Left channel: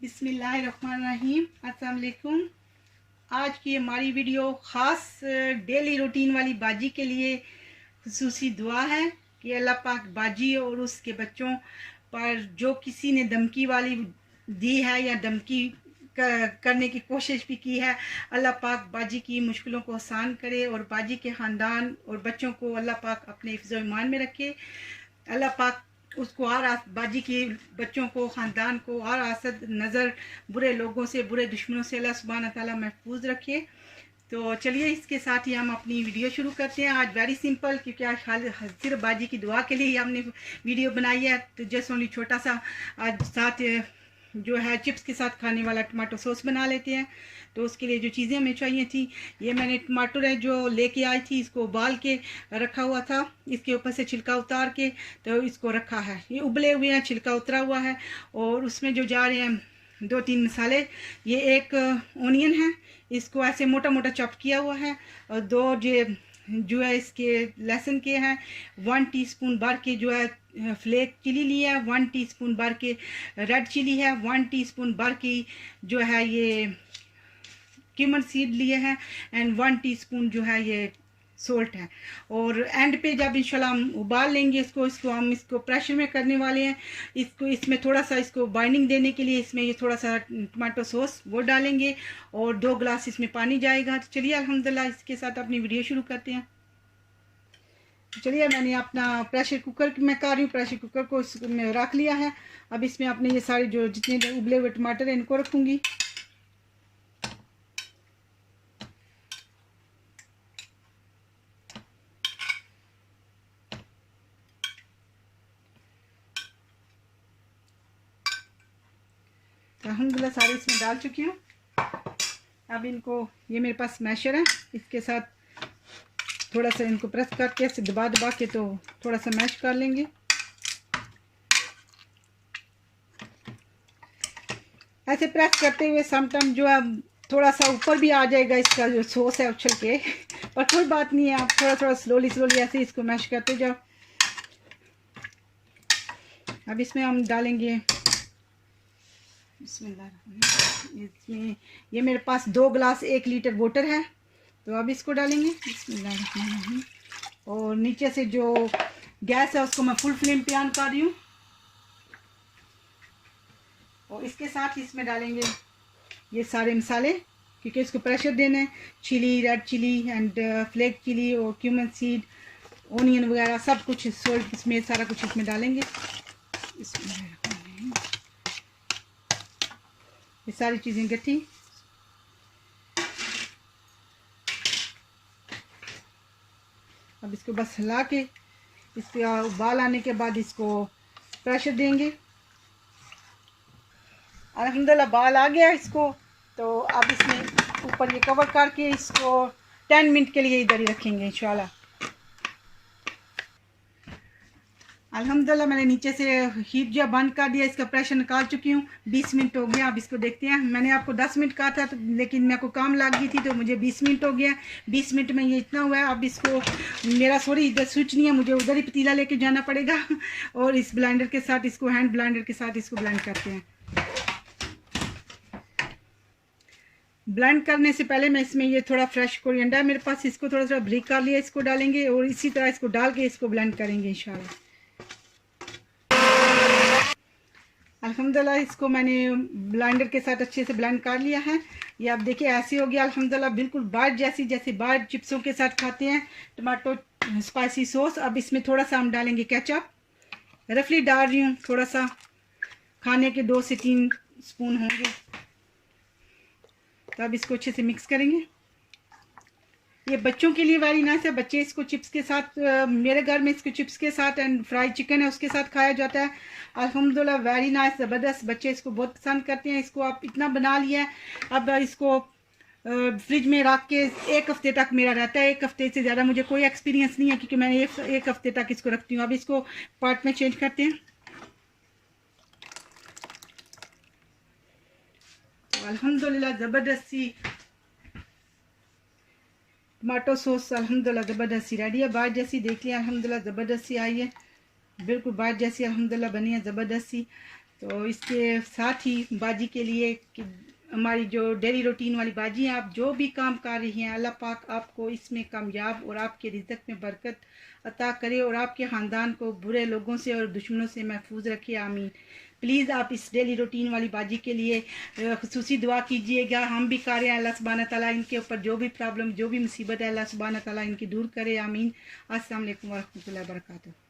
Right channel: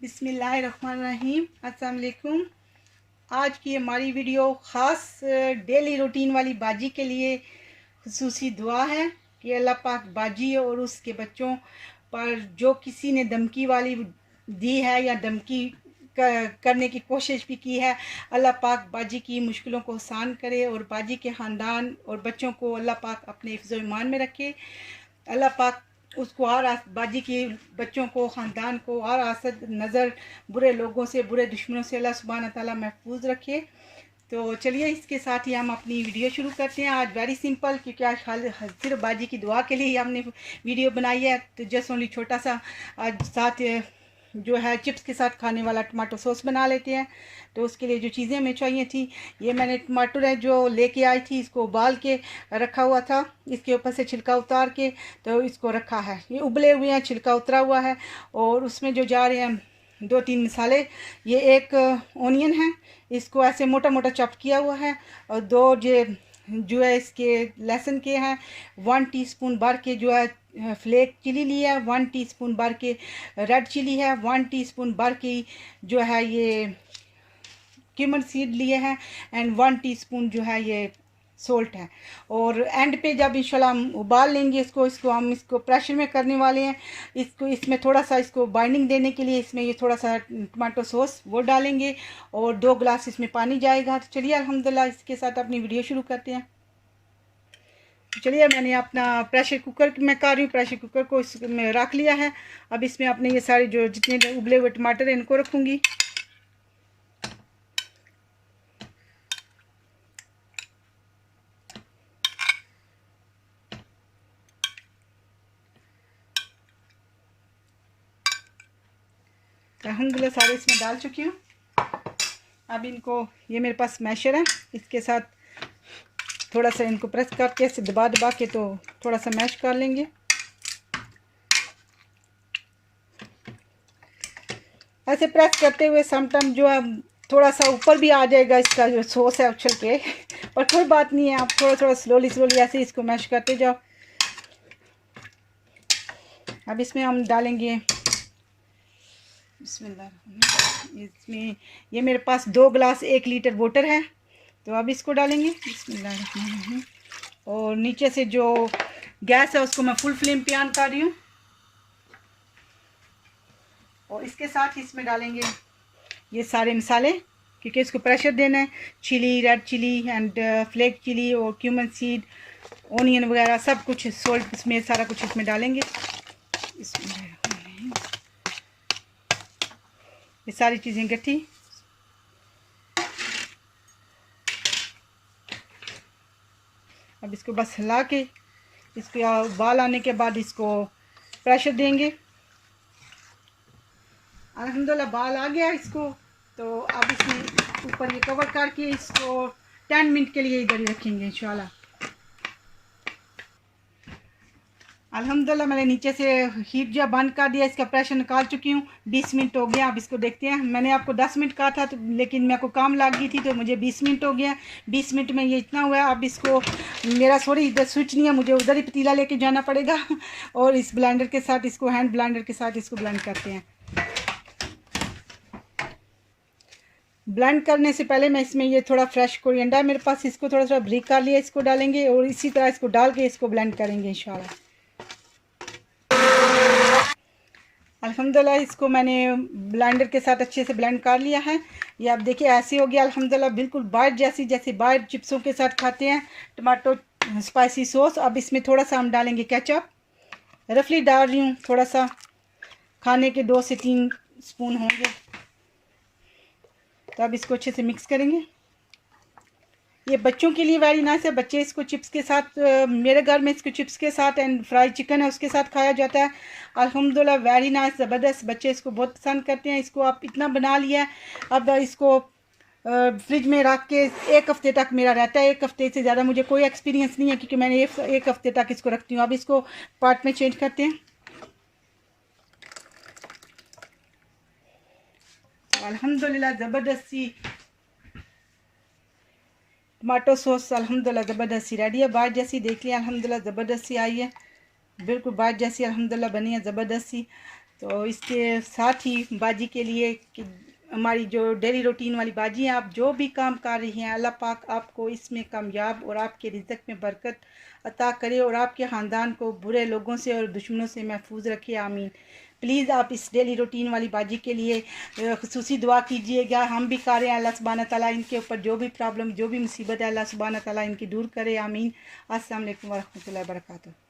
बिस्मिल्लाहिर्रहमानिर्रहीम। अस्सलाम वालेकुम। आज की हमारी वीडियो ख़ास डेली रूटीन वाली बाजी के लिए खुसूसी दुआ है कि अल्लाह पाक बाजी और उसके बच्चों पर जो किसी ने धमकी वाली दी है या धमकी करने की कोशिश भी की है, अल्लाह पाक बाजी की मुश्किलों को आसान करे और बाजी के ख़ानदान और बच्चों को अल्लाह पाक अपने हिफ्ज़-ओ ईमान में रखे। अल्लाह पाक उसको हर बाजी की बच्चों को ख़ानदान को हर आसद नज़र बुरे लोगों से बुरे दुश्मनों से अल्लाह सुब्हान ताला महफूज रखे। तो चलिए इसके साथ ही हम अपनी वीडियो शुरू करते हैं। आज वेरी सिंपल, क्योंकि आज सिर्फ बाजी की दुआ के लिए ही हमने वीडियो बनाई है। तो जस्ट ओनली छोटा सा आज साथ जो है चिप्स के साथ खाने वाला टमाटो सॉस बना लेते हैं। तो उसके लिए जो चीज़ें हमें चाहिए थी, ये मैंने टमाटर है जो लेके आई थी, इसको उबाल के रखा हुआ था, इसके ऊपर से छिलका उतार के तो इसको रखा है। ये उबले हुए हैं, छिलका उतरा हुआ है। और उसमें जो जा रहे हैं 2-3 मसाले, ये एक ओनियन है, इसको ऐसे मोटा मोटा चॉप किया हुआ है। और 2 जो है इसके लहसुन के हैं, 1 टीस्पून भर के जो है फ्लेक चिली लिया है, 1 टीस्पून भर के रेड चिली है, 1 टीस्पून भर की जो है ये क्यूमन सीड लिए हैं, एंड 1 टीस्पून जो है ये सोल्ट है। और एंड पे जब इंशाल्लाह हम उबाल लेंगे इसको हम इसको प्रेशर में करने वाले हैं। इसको इसमें थोड़ा सा इसको बाइंडिंग देने के लिए इसमें ये थोड़ा सा टमाटो सॉस वो डालेंगे और 2 गिलास इसमें पानी जाएगा। तो चलिए अल्हम्दुलिल्लाह इसके साथ अपनी वीडियो शुरू करते हैं। चलिए मैंने अपना प्रेशर कुकर में कर रही हूँ, प्रेशर कुकर को इसमें रख लिया है। अब इसमें अपने ये सारे जो जितने उबले हुए टमाटर हैं इनको रखूँगी। अल्हम्दुलिल्लाह सारे इसमें डाल चुकी हूँ। अब इनको, ये मेरे पास मैशर है, इसके साथ थोड़ा सा इनको प्रेस करके ऐसे दबा दबा के तो थोड़ा सा मैश कर लेंगे। ऐसे प्रेस करते हुए समटाइम जो है थोड़ा सा ऊपर भी आ जाएगा इसका जो सॉस है उछल के पर कोई बात नहीं है, आप थोड़ा थोड़ा स्लोली ऐसे इसको मैश करते जाओ। अब इसमें हम डालेंगे बिस्मिल्लाह। इसमें ये मेरे पास 2 गिलास 1 लीटर वाटर है, तो अब इसको डालेंगे बिस्मिल्लाह। और नीचे से जो गैस है उसको मैं फुल फ्लेम पे ऑन कर रही हूँ। और इसके साथ ही इसमें डालेंगे ये सारे मसाले, क्योंकि इसको प्रेशर देना है। Chilli, red chilli and flake chilli और क्यूमन सीड, ओनियन वगैरह सब कुछ, सॉल्ट इसमें सारा कुछ इसमें डालेंगे। ये सारी चीज़ें इकट्ठी। अब इसको बस हिला के इसको उबाल आने के बाद इसको प्रेशर देंगे। अल्हम्दुलिल्लाह बाल आ गया इसको, तो अब इसमें ऊपर ये कवर करके इसको 10 मिनट के लिए इधर ही रखेंगे इंशाल्लाह। अल्हम्दुलिल्लाह मैंने नीचे से हीट जो बंद कर दिया, इसका प्रेशर निकाल चुकी हूँ। 20 मिनट हो गया। अब इसको देखते हैं। मैंने आपको 10 मिनट कहा था, तो लेकिन मेरे को काम लग गई थी तो मुझे 20 मिनट हो गया। 20 मिनट में ये इतना हुआ है। अब इसको मेरा सॉरी इधर स्विच नहीं है, मुझे उधर ही पतीला लेके जाना पड़ेगा और इस ब्लेंडर के साथ इसको हैंड ब्लेंडर के साथ इसको ब्लेंड करते हैं। ब्लेंड करने से पहले मैं इसमें ये थोड़ा फ्रेश कोरिएंडर है मेरे पास, इसको थोड़ा थोड़ा ब्रीक कर लिया, इसको डालेंगे और इसी तरह इसको डाल के इसको ब्लेंड करेंगे इंशाल्लाह। अल्हम्दुलिल्लाह इसको मैंने ब्लेंडर के साथ अच्छे से ब्लेंड कर लिया है। ये आप देखिए ऐसे हो गया अल्हम्दुलिल्लाह, बिल्कुल बाहर जैसे बाहर चिप्सों के साथ खाते हैं टमाटो स्पाइसी सॉस। अब इसमें थोड़ा सा हम डालेंगे केचप, रफली डाल रही हूँ, थोड़ा सा खाने के 2 से 3 स्पून होंगे। तो अब इसको अच्छे से मिक्स करेंगे। ये बच्चों के लिए वेरी नाइस है, बच्चे इसको चिप्स के साथ, मेरे घर में इसको चिप्स के साथ एंड फ्राई चिकन है उसके साथ खाया जाता है। अल्हम्दुलिल्लाह वेरी नाइस, ज़बरदस्त, बच्चे इसको बहुत पसंद करते हैं। इसको आप इतना बना लिया है, अब इसको फ्रिज में रख के 1 हफ़्ते तक मेरा रहता है। 1 हफ़्ते से ज़्यादा मुझे कोई एक्सपीरियंस नहीं है, क्योंकि मैंने 1 हफ़्ते तक इसको रखती हूँ। अब इसको पार्ट में चेंज करते हैं। अल्हम्दुलिल्लाह ज़बरदस्त सी टमाटो सॉस अल्हम्दुलिल्लाह ज़बरदस्त सी रेडी है, बाहर जैसी देख लिया अल्हम्दुलिल्लाह ज़बरदस्त सी आई है, बिल्कुल बाहर जैसी अल्हम्दुलिल्लाह बनी है ज़बरदस्त सी। तो इसके साथ ही बाजी के लिए कि हमारी जो डेली रूटीन वाली बाजी हैं, आप जो भी काम कर रही हैं, अल्लाह पाक आपको इसमें कामयाब और आपके रिज़्क़ में बरकत अता करे और आपके ख़ानदान को बुरे लोगों से और दुश्मनों से महफूज रखे, आमीन। प्लीज़ आप इस डेली रूटीन वाली बाजी के लिए ख़ुसूसी दुआ कीजिएगा। हम भी कर रहे हैं, अल्लाह सुब्हाना तआला इनके ऊपर जो भी प्रॉब्लम, जो भी मुसीबत है, अल्लाह सुब्हाना तआला इनकी दूर करे, आमीन। अस्सलाम वालेकुम व रहमतुल्लाहि व बरकातहू।